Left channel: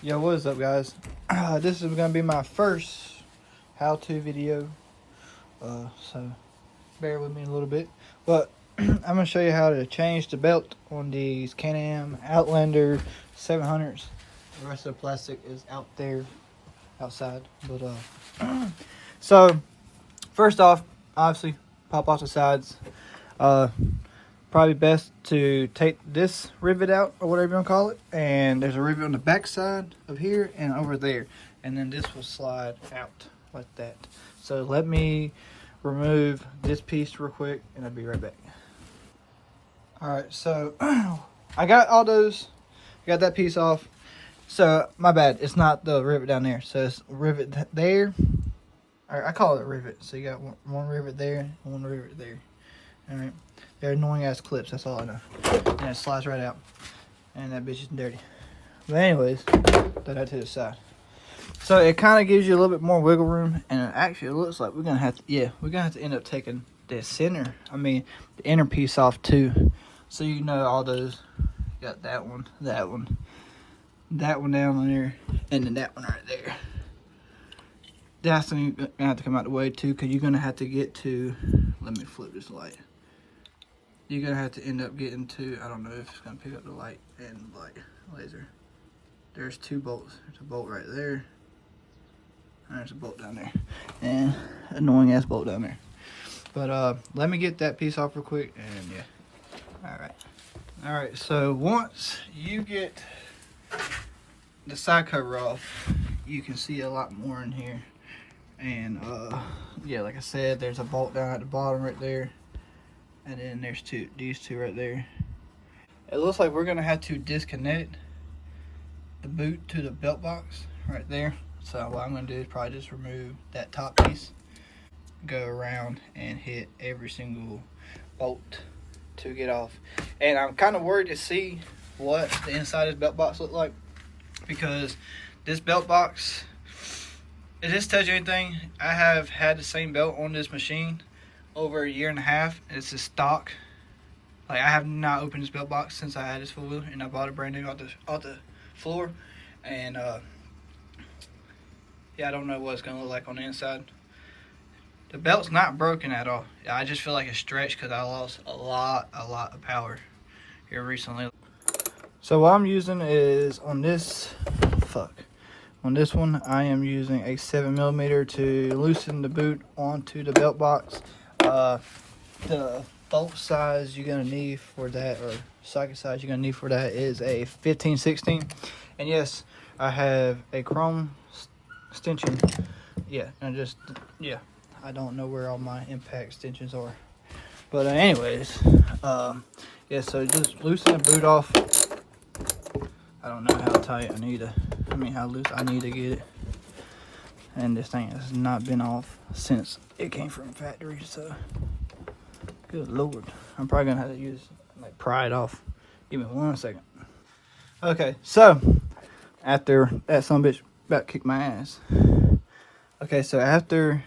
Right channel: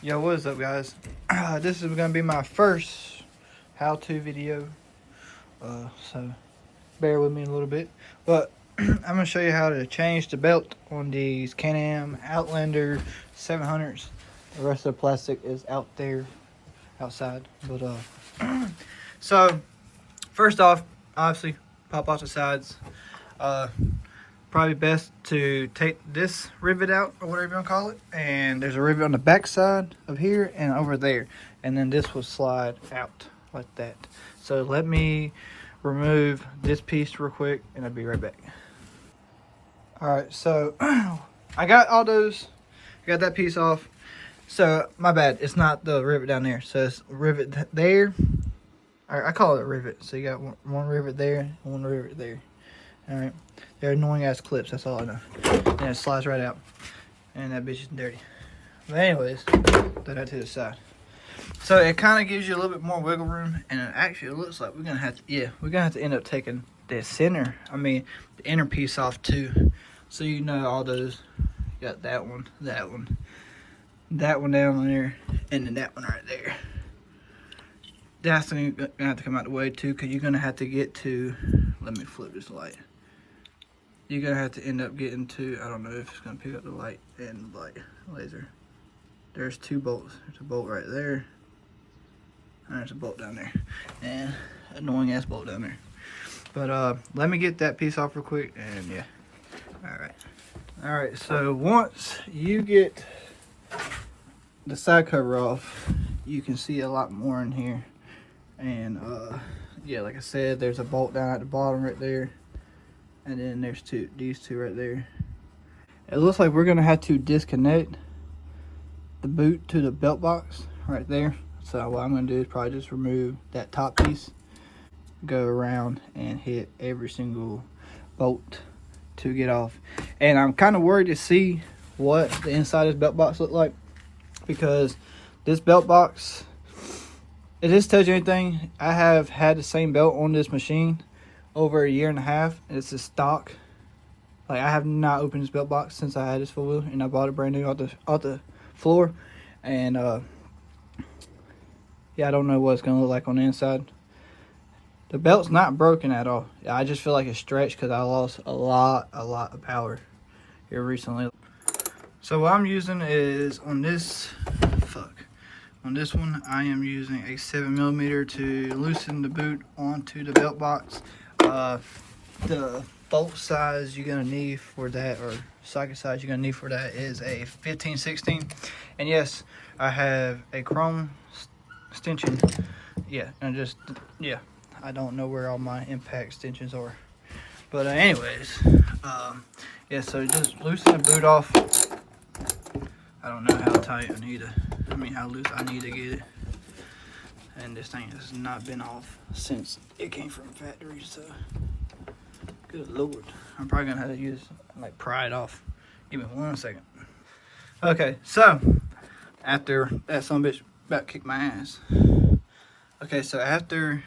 Yo, what is up, guys? This is gonna be my first how-to video, so bear with me a little bit. But I'm gonna show you how to change the belt on these Can-Am Outlander 700s. The rest of the plastic is out there, outside. But so first off, obviously, pop off the sides. Probably best to take this rivet out, or whatever you want to call it, and there's a rivet on the back side of here and over there, and then this will slide out like that. So let me remove this piece real quick and I'll be right back. All right, so I got all those, got that piece off. So my bad, it's not the rivet down there, so it's rivet there. I call it a rivet. So you got one rivet there and one rivet there. All right, they're annoying ass clips, that's all I know. And it slides right out, and that bitch is dirty. But anyways, put that to the side. So it kind of gives you a little bit more wiggle room, and it actually looks like we're gonna have to end up taking the the inner piece off too. So you know all those, you got that one down there, and then that one right there. That's gonna have to come out the way too, because you're gonna have to get to, let me flip this light. You're gonna have to end up getting to, I don't know if it's gonna pick up the light and the light laser. There's two bolts. There's a bolt right there, and there's a bolt down there, and annoying ass bolt down there. But let me get that piece off real quick, and yeah. All right, so once you get the side cover off, you can see a lot more in here. And yeah, like I said, there's a bolt down at the bottom right there, and then there's these two right there. It looks like we're gonna have to disconnect the boot to the belt box right there. So what I'm gonna do is probably just remove that top piece, go around and hit every single bolt to get off. And I'm kind of worried to see what the inside of this belt box look like, because this belt box, if this tells you anything, I have had the same belt on this machine over a year and a half, and it's a stock. Like, I have not opened this belt box since I had this 4-wheel, and I bought it brand new off the floor. And yeah, I don't know what it's gonna look like on the inside. The belt's not broken at all. I just feel like it's stretched because I lost a lot of power here recently. So what I'm using is on this one, I am using a 7mm to loosen the boot onto the belt box. The bolt size you're gonna need for that, or socket size you're gonna need for that, is a 15/16. And yes, I have a chrome extension. Yeah, and I don't know where all my impact extensions are. But anyways, yeah, so just loosen the boot off. I don't know how tight how loose I need to get it. And this thing has not been off since it came from the factory, so good lord. I'm probably gonna have to pry it off. Give me 1 second. Okay, so after that son of a bitch about to kick my ass. Okay, so after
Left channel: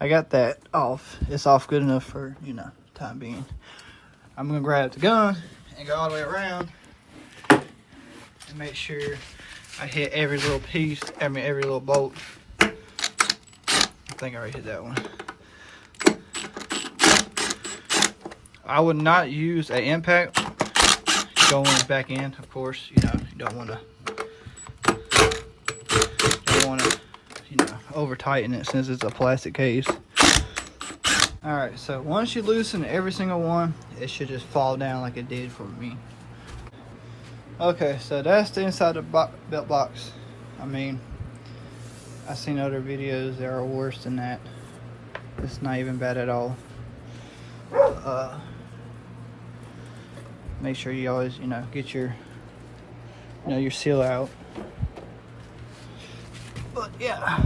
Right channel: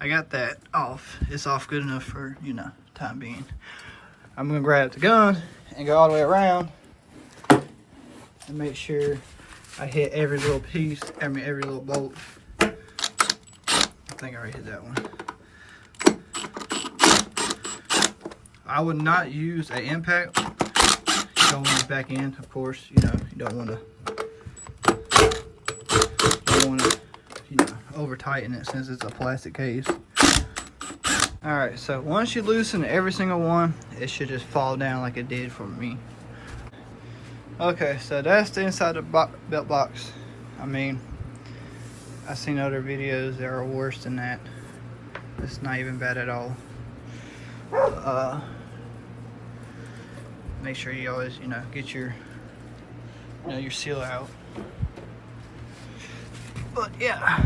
I got that off, it's off good enough for, time being. I'm gonna grab the gun and go all the way around and make sure I hit every little piece, every little bolt. I think I already hit that one. I would not use an impact going back in, of course. You don't want to over tighten it since it's a plastic case. All right, so once you loosen every single one, it should just fall down like it did for me. Okay, so that's the inside of the belt box. I've seen other videos that are worse than that. It's not even bad at all. Make sure you always, get your seal out. But yeah,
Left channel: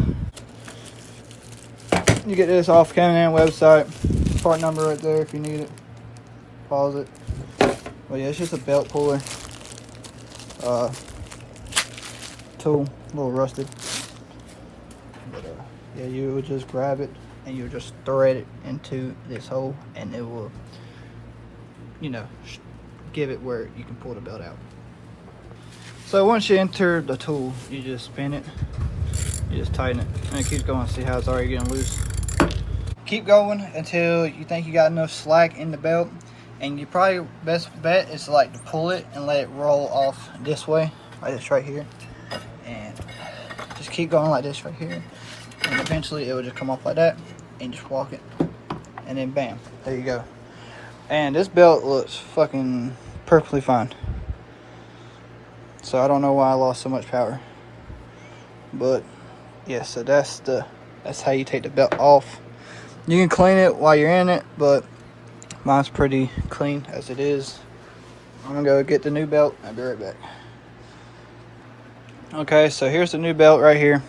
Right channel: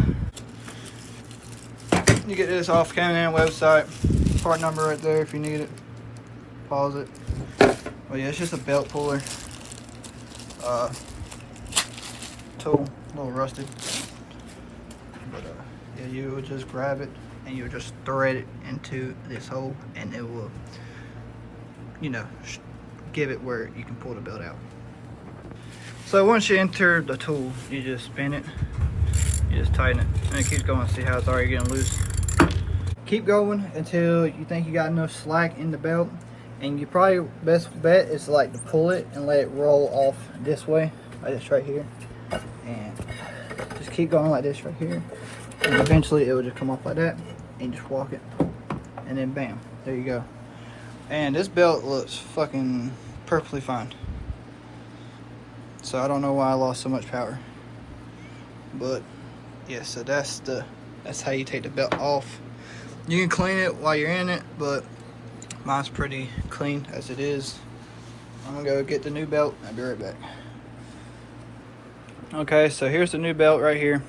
you get this off Can-Am website. Part number right there if you need it. Pause it. But yeah, it's just a belt puller. Tool, a little rusty. But yeah, you would just grab it and you would just thread it into this hole, and it will, give it where you can pull the belt out. So once you enter the tool, you just spin it, you just tighten it, and it keeps going. See how it's already getting loose? Keep going until you think you got enough slack in the belt, and you probably best bet is like to pull it and let it roll off this way, like this right here, and just keep going like this right here, and eventually it will just come off like that, and just walk it, and then bam, there you go. And this belt looks fucking perfectly fine. So I don't know why I lost so much power, but yeah, so that's how you take the belt off. You can clean it while you're in it, but mine's pretty clean as it is. I'm gonna go get the new belt. I'll be right back. Okay, so here's the new belt right here.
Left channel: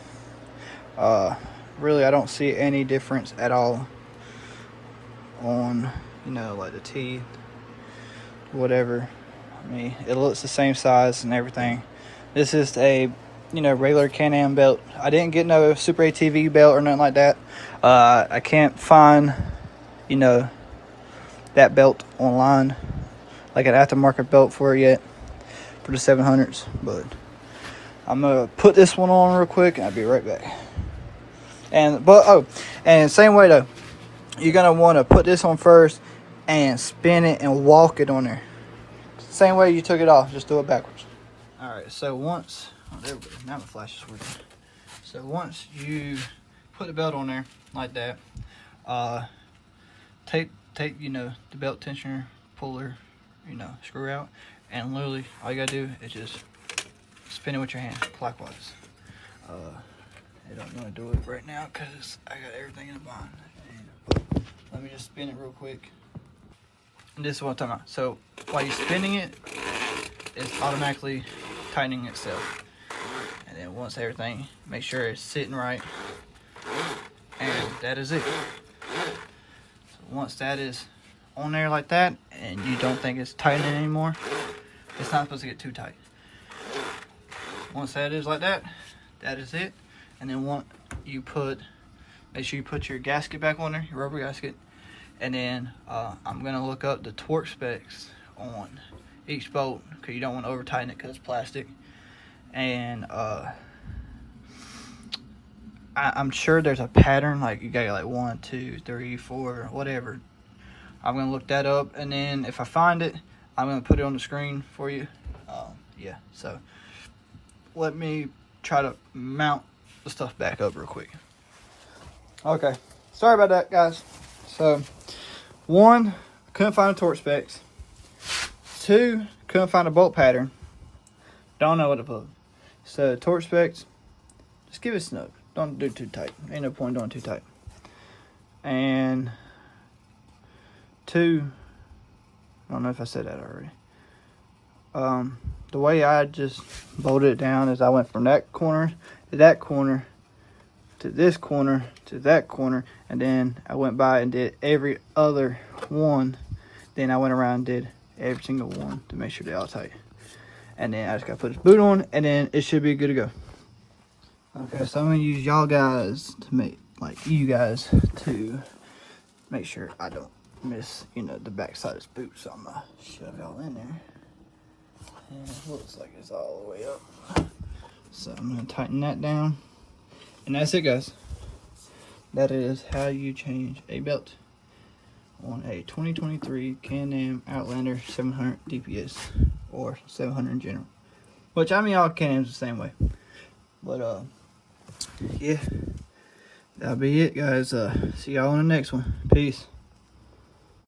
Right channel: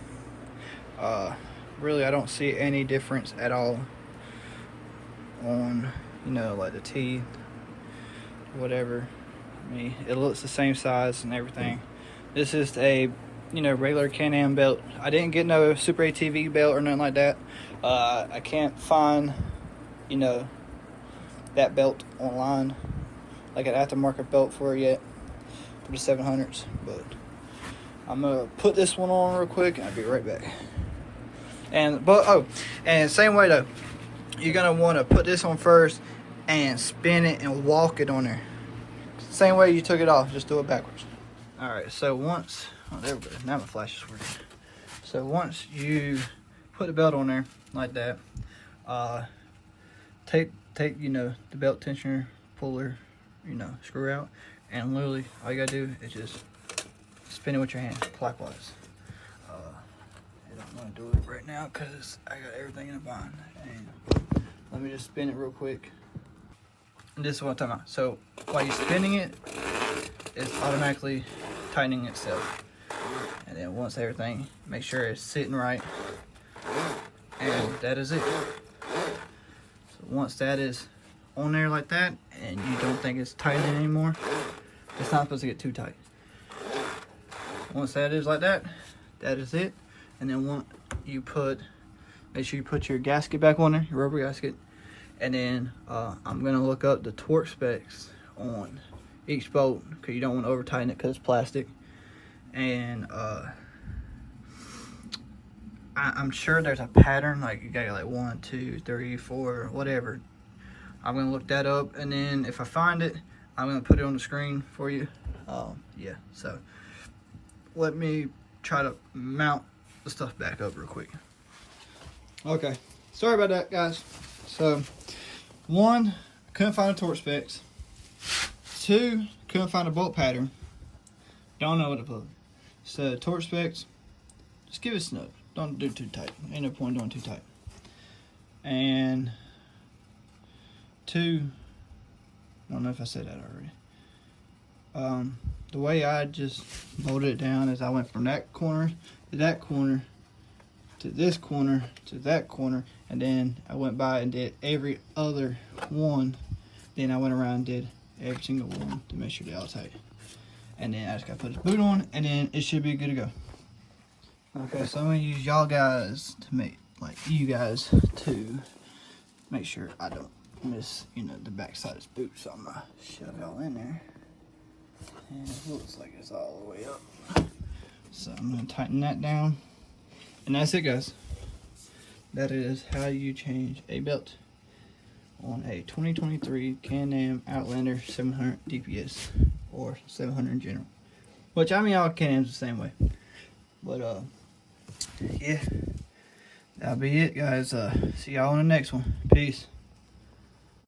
Really, I don't see any difference at all on, you know, like the teeth, whatever. I mean, it looks the same size and everything. This is a, you know, regular Can-Am belt. I didn't get no Super ATV belt or nothing like that. I can't find, you know, that belt online, like an aftermarket belt for it yet, for the 700s. But I'm gonna put this one on real quick, and I'll be right back. And same way though, you're gonna want to put this on first and spin it and walk it on there. Same way you took it off, just do it backwards. All right, so once, oh, there we go. Now my flash is working. So once you put the belt on there like that, take you know, the belt tensioner, puller, you know, screw out, and literally all you gotta do is just spin it with your hand clockwise. I don't want to do it right now because I got everything in a bind. And let me just spin it real quick. And this is what I'm talking about. So while you're spinning it, it's automatically tightening itself. And then once everything, make sure it's sitting right. And that is it. So once that is on there like that, and you don't think it's tightening anymore, it's not supposed to get too tight. Once that is like that, that is it. And then make sure you put your gasket back on there, your rubber gasket. And then I'm gonna look up the torque specs on each bolt, because you don't want to over tighten it because it's plastic. And I'm sure there's a pattern, like you got like 1, 2, 3, 4, whatever. I'm gonna look that up, and then if I find it, I'm gonna put it on the screen for you. Yeah, so let me try to mount the stuff back up real quick. Okay, sorry about that, guys. So 1, couldn't find the torque specs. 2, couldn't find a bolt pattern. Don't know what to put. So torque specs, just give it a snug. Don't do too tight. Ain't no point doing too tight. And 2, I don't know if I said that already. The way I just bolted it down is I went from that corner to that corner to this corner to that corner, and then I went by and did every other one. Then I went around and did every single one to make sure they're all tight. And then I just gotta put this boot on, and then it should be good to go. Okay, so I'm gonna use y'all guys to make, like you guys, to make sure I don't miss, you know, the back side of this boot. So I'm gonna shove y'all in there. And it looks like it's all the way up. So I'm gonna tighten that down. And that's it, guys. That is how you change a belt on a 2023 Can-Am Outlander 700 DPS, or 700 in general. Which, I mean, all Can-Am's the same way. But, yeah. That'll be it, guys. See y'all on the next one. Peace.